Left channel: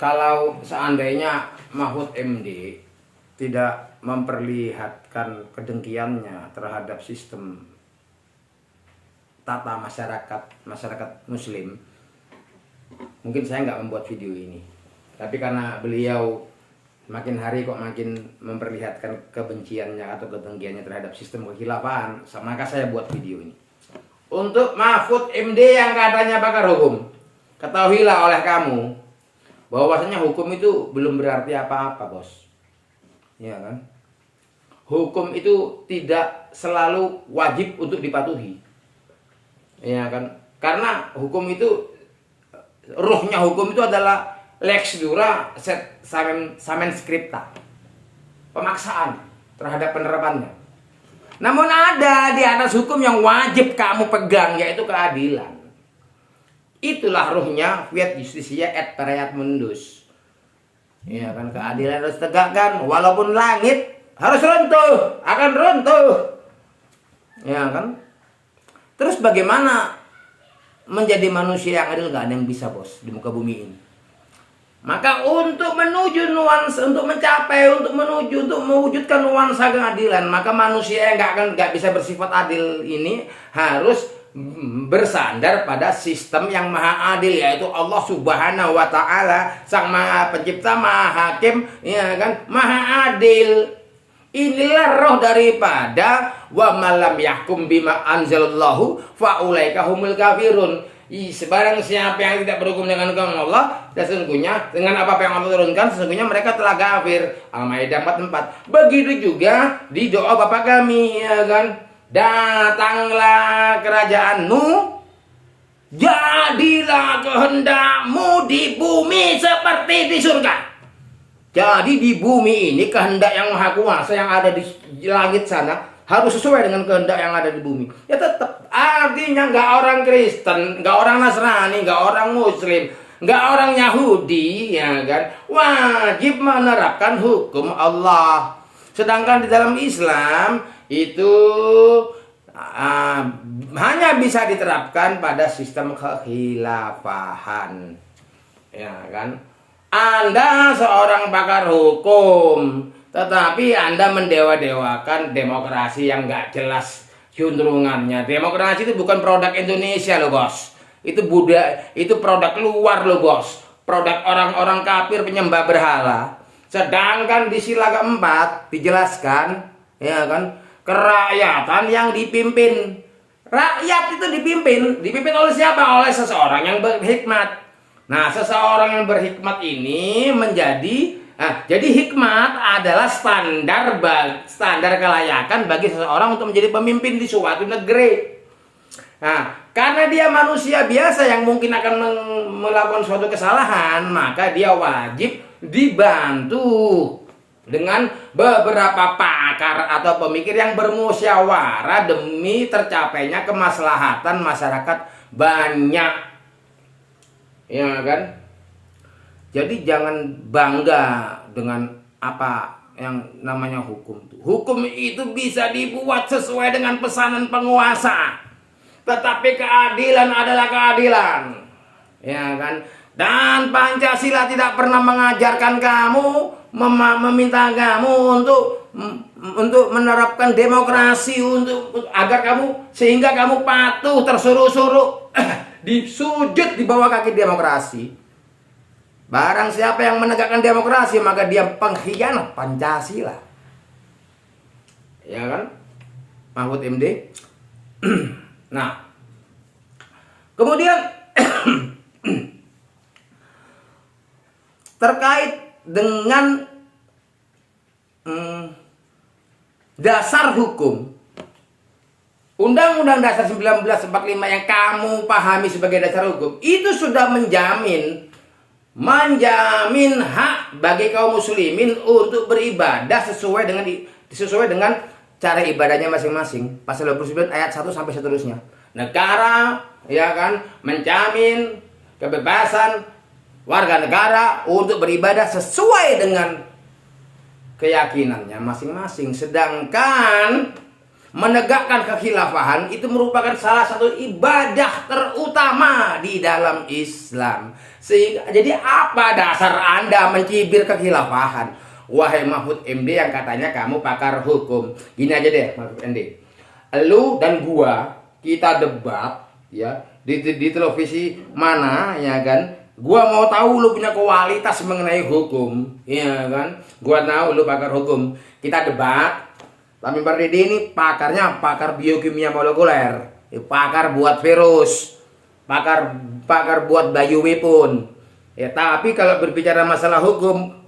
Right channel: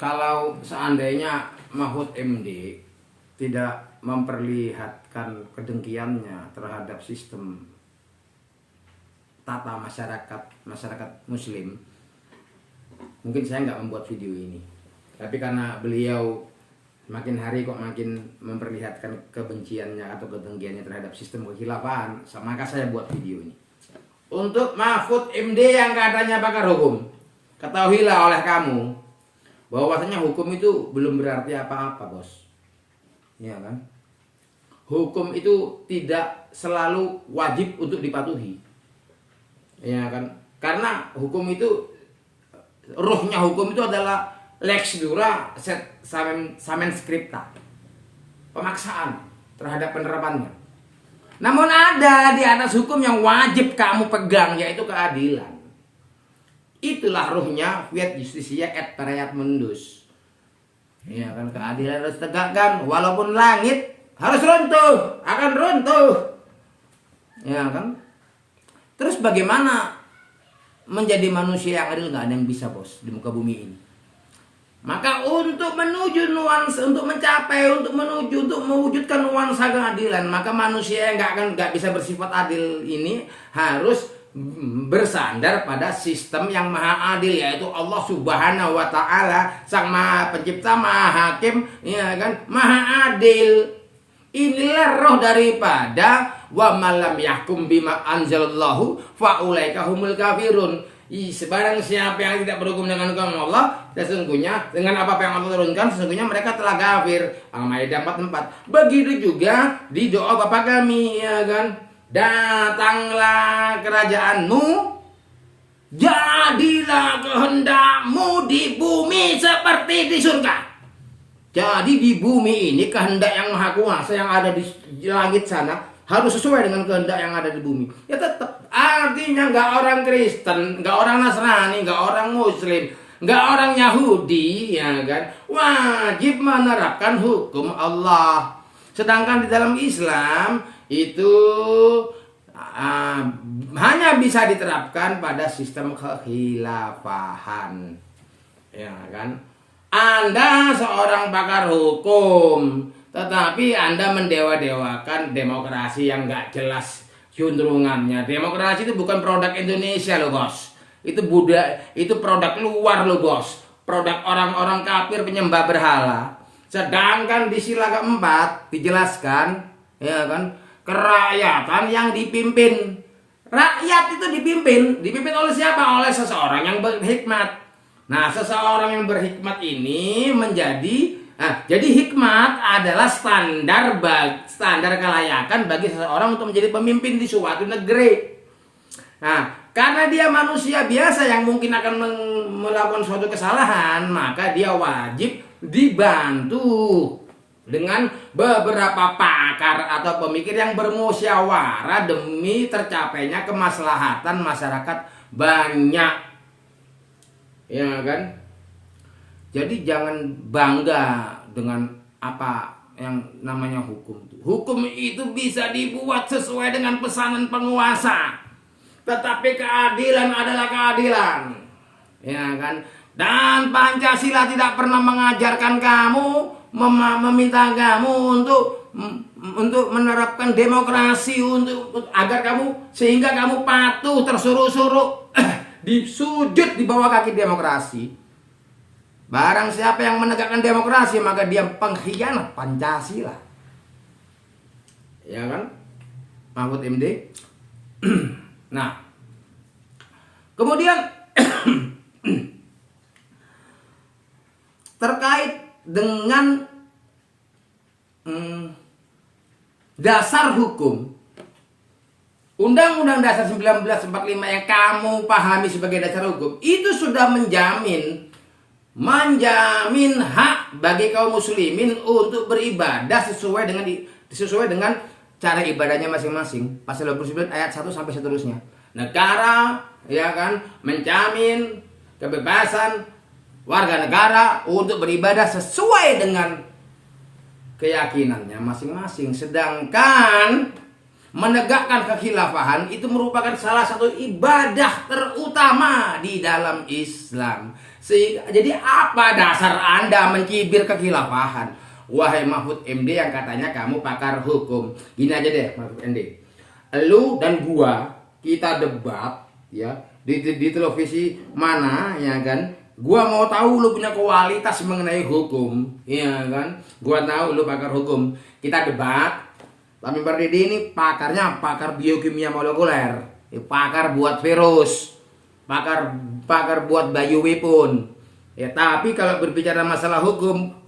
Kalau seandainya Mahfud MD tidak memperlihatkan kedengkiannya terhadap sistem tata masyarakat Muslim, mungkin saya nggak membuat video ini. Tapi karena beliau makin hari kok makin memperlihatkan kebenciannya atau kedengkiannya terhadap sistem kekhilafahan, maka saya buat video ini. Untuk Mahfud MD yang katanya pakar hukum, ketahuilah oleh kamu bahwasanya hukum itu belum berarti apa-apa, bos. Ya kan? Hukum itu tidak selalu wajib untuk dipatuhi. Ya kan? Karena hukum itu, ruhnya hukum itu adalah lex dura samen scripta. Pemaksaan terhadap penerapannya. Namun ada di atas hukum yang wajib kamu pegang, yaitu keadilan. Itulah ruhnya fiat justisia et pereat mundus. Ya kan, keadilan harus tegakkan walaupun langit harus runtuh, akan runtuh. Ya kan? Terus bagaimana menjadi manusia yang adil? Gak ada yang bisa, bos, di muka bumi ini. Maka untuk menuju nuansa, untuk mencapai, untuk mewujudkan nuansa keadilan, maka manusia yang gak bisa bersifat adil ini harus bersandar pada sistem yang maha adil, yaitu Allah Subhanahu wa Ta'ala, sang maha pencipta, maha hakim, ya kan, maha adil. Inilah roh daripada wa malam yahkum bima anzalallahu fa ulaika humul kafirun. Sebarang siapa yang tidak berhukum dengan hukum Allah, sesungguhnya dengan apa yang Allah turunkan, sesungguhnya mereka telah kafir. Al-Maidah 44. Begitu juga di doa Bapa kami, ya kan, datanglah kerajaanmu, jadilah kehendakmu di bumi seperti di surga. Jadi di bumi ini kehendak yang maha kuasa yang ada di langit sana harus sesuai dengan kehendak yang ada di bumi. Ya tetap, artinya nggak orang Kristen, nggak orang Nasrani, nggak orang Muslim, nggak orang Yahudi, ya kan, wajib menerapkan hukum Allah. Sedangkan di dalam Islam itu hanya bisa diterapkan pada sistem kekhilafahan, ya kan. Anda seorang pakar hukum, tetapi Anda mendewa-dewakan demokrasi yang nggak jelas juntrungannya. Demokrasi itu bukan produk Indonesia loh, bos. Itu itu produk luar loh, bos. Produk orang-orang kafir penyembah berhala. Sedangkan di sila keempat dijelaskan, ya kan, kerakyatan yang dipimpin. Rakyat itu dipimpin oleh siapa? Oleh seseorang yang berhikmat. Nah, seseorang yang berhikmat ini jadi hikmat adalah standar kelayakan bagi seseorang untuk menjadi pemimpin di suatu negeri. Nah, karena dia manusia biasa yang mungkin akan melakukan suatu kesalahan, maka dia wajib dibantu dengan beberapa pakar atau pemikir yang bermusyawarah demi tercapainya kemaslahatan masyarakat banyak. Ya kan? Jadi jangan bangga dengan apa yang namanya hukum. Hukum itu bisa dibuat sesuai dengan pesanan penguasa. Tetapi keadilan adalah keadilan. Ya kan? Dan Pancasila tidak pernah mengajarkan kamu, meminta kamu untuk menerapkan demokrasi sehingga kamu patuh tersuruh-suruh disujud di bawah kaki demokrasi. Barang siapa yang menegakkan demokrasi, maka dia pengkhianat Pancasila. Ya kan? Mahfud MD. Nah, kemudian terkait dengan dasar hukum, Undang-Undang Dasar 1945 yang kamu pahami sebagai dasar hukum itu sudah menjamin hak bagi kaum muslimin untuk beribadah sesuai dengan cara ibadahnya masing-masing. Pasal 29 ayat 1 sampai seterusnya. Negara, ya kan, menjamin kebebasan warga negara untuk beribadah sesuai dengan keyakinannya masing-masing. Sedangkan menegakkan kekhilafahan itu merupakan salah satu ibadah terutama di dalam Islam. Jadi apa dasar Anda mencibir kekhilafahan? Wahai Mahfud MD yang katanya kamu pakar hukum. Gini aja deh Mahfud MD. Lu dan gua kita debat ya di televisi mana ya kan? Gua mau tahu lu punya kualitas mengenai hukum, ya kan? Gua tahu lu pakar hukum. Kita debat. Tamim Pardede ini pakarnya pakar biokimia molekuler, pakar buat virus, pakar buat bioweapon. Ya, tapi kalau berbicara masalah hukum,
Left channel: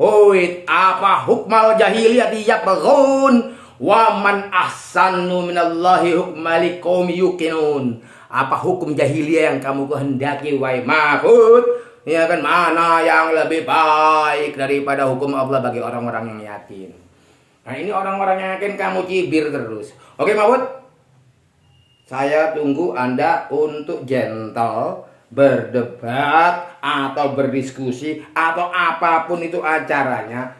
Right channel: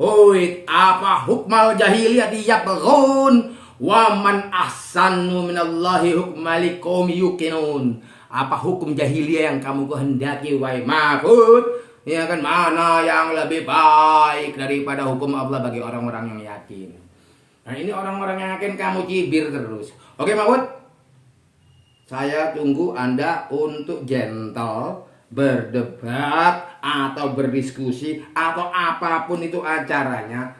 apa hukmal jahiliyah yabghun wa man ahsanu minallahi hukmal liqaumi yuqinun. Apa hukum jahiliyah yang kamu kehendaki wahai Mahfud? Ya kan, mana yang lebih baik daripada hukum Allah bagi orang-orang yang yakin. Nah ini orang-orang yang yakin kamu cibir terus. Oke Mahfud, saya tunggu Anda untuk gentle berdebat atau berdiskusi atau apapun itu acaranya.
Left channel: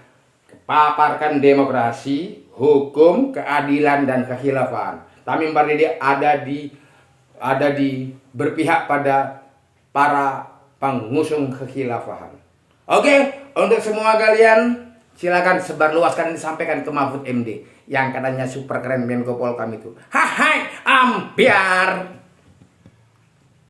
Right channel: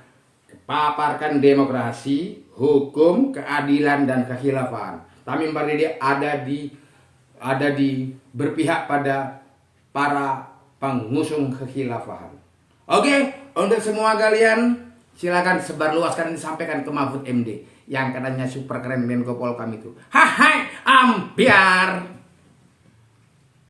Paparkan demokrasi, hukum, keadilan dan kekhilafan. Tamim Pardede ada di berpihak pada para pengusung kekhilafahan. Oke, untuk semua kalian silakan sebarluaskan, disampaikan ke Mahfud MD yang katanya super keren Menko Polkam itu. Hai ambiar.